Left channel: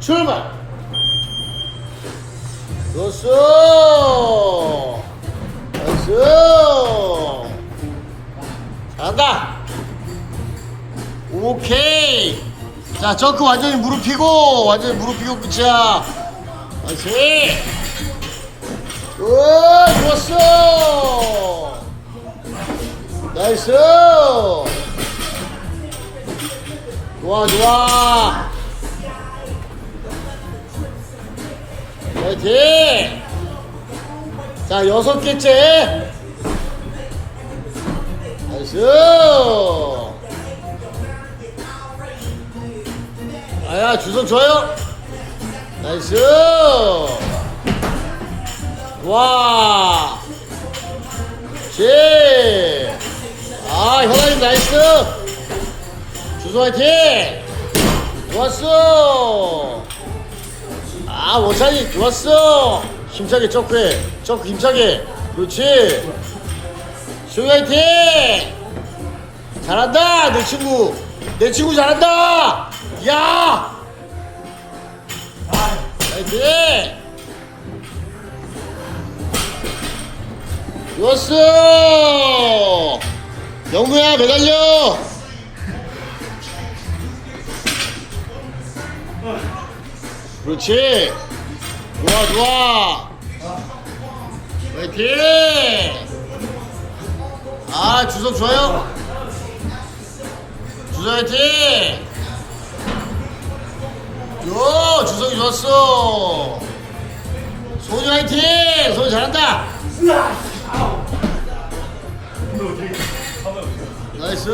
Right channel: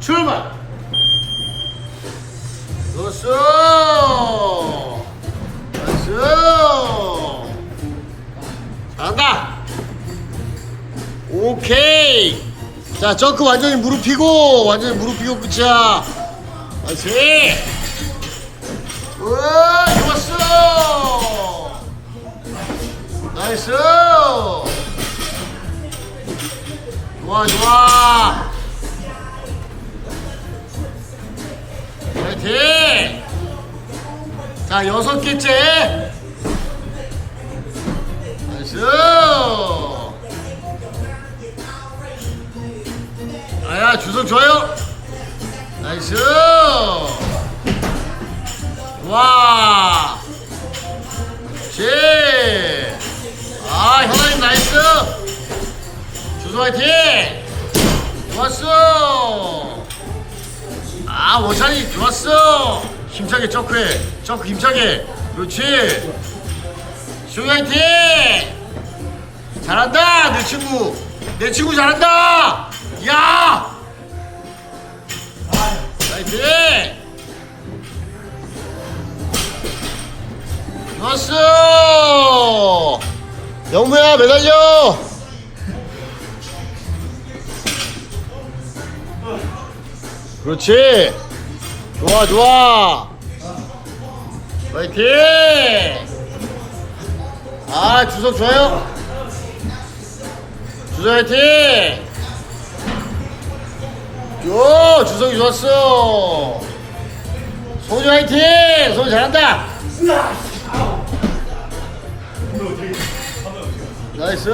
출발! 좋았어! 나이스! 잘한다! 오케이! 자, 점크 완전히 무릎 펴고, 완전히 무릎 펴고 끝이야. 나이스! 우와, 좋았어! 나이스! 좋아, 좋아! 파이팅! 자, 여섯 개째! 나이스! 아야, 주석 좋아요! 나이스! 와! 제! 아, 현아님 나이스! 주석 화이팅! 아, 원상이 좋았어! 힘차게 점크해. 점크 힘차게. 그렇지. 수화이팅 잘한다, 내 친구. 내 친구 잘한다! 야! 화이팅! 좋았어! 영구야, 매달려! 그렇지. 좋아, 좋아. 화이팅! 아, 주석 좋아요? 주석 화이팅! 요, 주석이 좋았어. 소주 화이팅! 소주 잘한다! 나이스!